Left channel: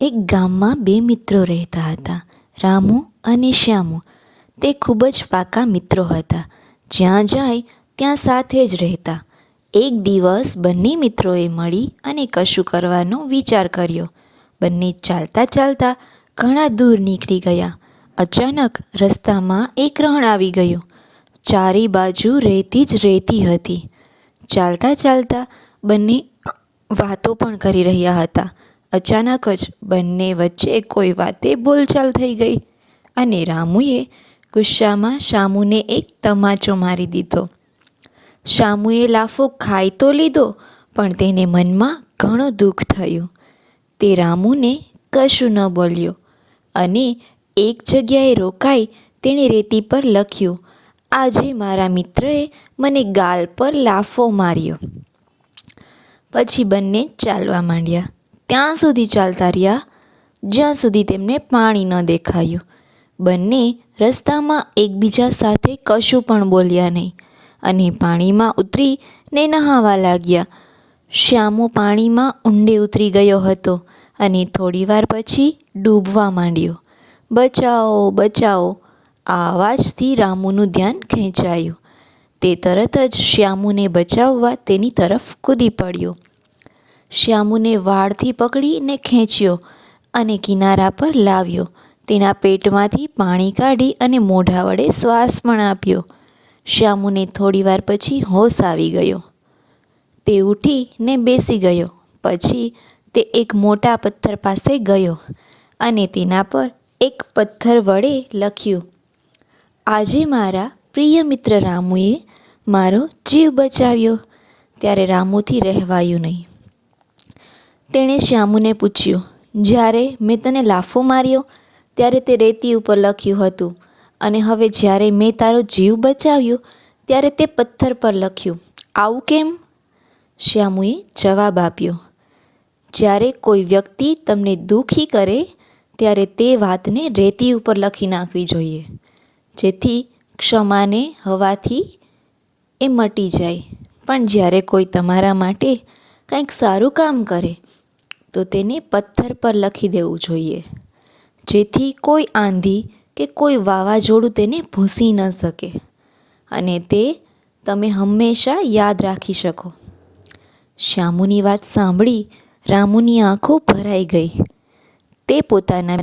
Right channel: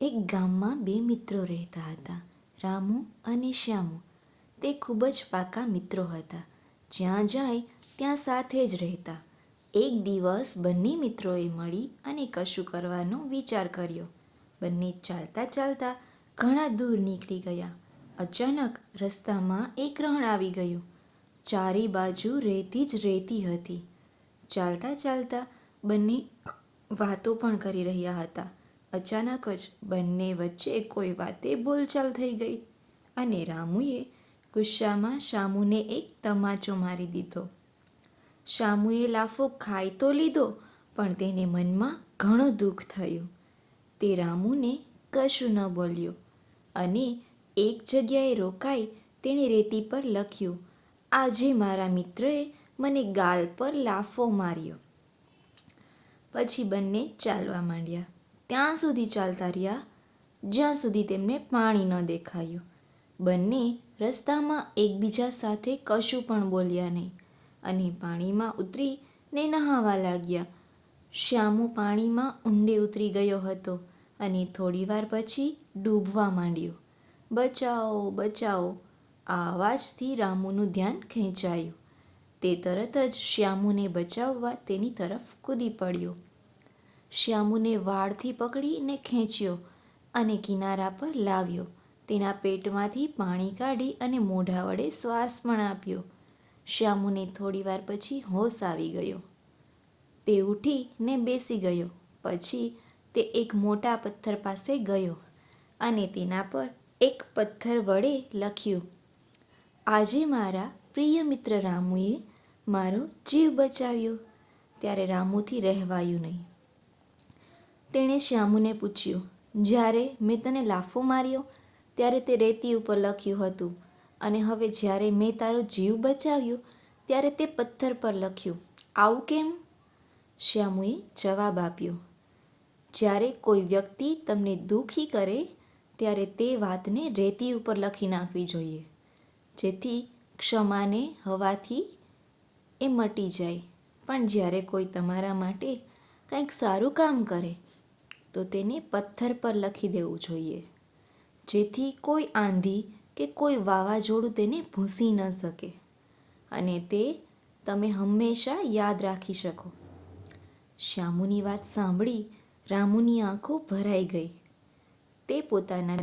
એક ગામમાં બે મિત્રો રહેતા હતા, રામુ અને શ્યામુ. તે ખૂબ જ પાકા મિત્રો હતા. જ્યાં જાય ત્યાં સાથે જ રહેતા. એક દિવસ બંને મિત્રોએ મળી અને કશું કરવાનો વિચાર કર્યો. બંને ચાલતા ચાલતા ઘણા દૂર નીકળી ગયા. અચાનક રસ્તામાં એક રણ આવી ગયું. ચારે બાજુ રેતી જ રેતી હતી. ચાલતા ચાલતા બંને વાતો પણ કરી રહ્યા હતા. અચાનક જ બંને વચ્ચે કોઈ વાતે બોલચાલ થઈ ગઈ અને રામુએ ગુસ્સામાં શામુને એક તમાચો મારી દીધો. શામુએ લાફો ખાઈ તો લીધો, પણ તેને મનમાં ઘણું દુઃખ થયું. તે રામુને કશું ન બોલ્યો અને એક જગ્યાએ રોકાઈ તેણે રેતી પર લખ્યું, આજે મારા મિત્રએ મને ગાલ પર લાફો માર્યો. પછી બંને ચાલવા માંડ્યા. ત્યાં સુધી ચાલતા રહ્યા જ્યાં સુધી તેમને પાણી ન દેખાયું. બંને રસ્તામાં એકબીજા સાથે કશું પણ બોલ્યા નહીં અને પાણીમાં ઉતરીને નહાવા લાગ્યા. શ્યામુ પાણીમાં ઊંડે ઉતરી ગયો હતો અને થોડીવાર પછી ડૂબવા માંડ્યો. બચાવો, બચાવો, આ અવાજથી રામુનું ધ્યાન ખેંચાયું. તે તરત જ શ્યામુને બચાવવા તેની તરફ કૂદી પડ્યો. શ્યામુને વાળથી પકડીને ખેંચ્યો અને કિનારા પર લાવ્યો. તેના પેટમાંથી પાણી કાઢી અને મોઢા વડે શ્વાસ પણ આપ્યો. શ્યામુને થોડીવાર પછી હોશ આવી ગયો. તે ઉઠીને બેસી ગયો. પછી તે એક મોટા પથ્થર પાસે ગયો અને તેના પર એક પથ્થર વડે લખ્યું, આજે મારા પ્રિય મિત્ર રામુએ મારો જીવ બચાવ્યો. ત્યારે રામુથી રહેવાયું નહીં. તેણે શ્યામુને પૂછ્યું, જ્યારે મેં તને લાફો માર્યો ત્યારે તે રેતી ઉપર લખ્યું હતું અને હવે જ્યારે મેં તારો જીવ બચાવ્યો ત્યારે તે પથ્થર પર લખ્યું, આવું કેમ? શ્યામુએ જવાબ આપ્યો, જ્યારે કોઈ વ્યક્તિ તમને દુઃખી કરે ત્યારે તે વાતને રેતી ઉપર લખી નાખવી જોઈએ, જેથી ક્ષમાને હવાથી એ મટી જાય. પણ જ્યારે કોઈ તમારા માટે કંઈક સારું કામ કરે તો તેને પથ્થર પર લખી દેવું જોઈએ, જેથી કોઈ આંધી કે કોઈ વાવાઝોડું તેને ભૂંસી ન શકે અને તે તમે હંમેશા યાદ રાખી શકો. શ્યામુની વાત સાંભળી રામુની આંખો ભરાઈ ગઈ. તે પોતાના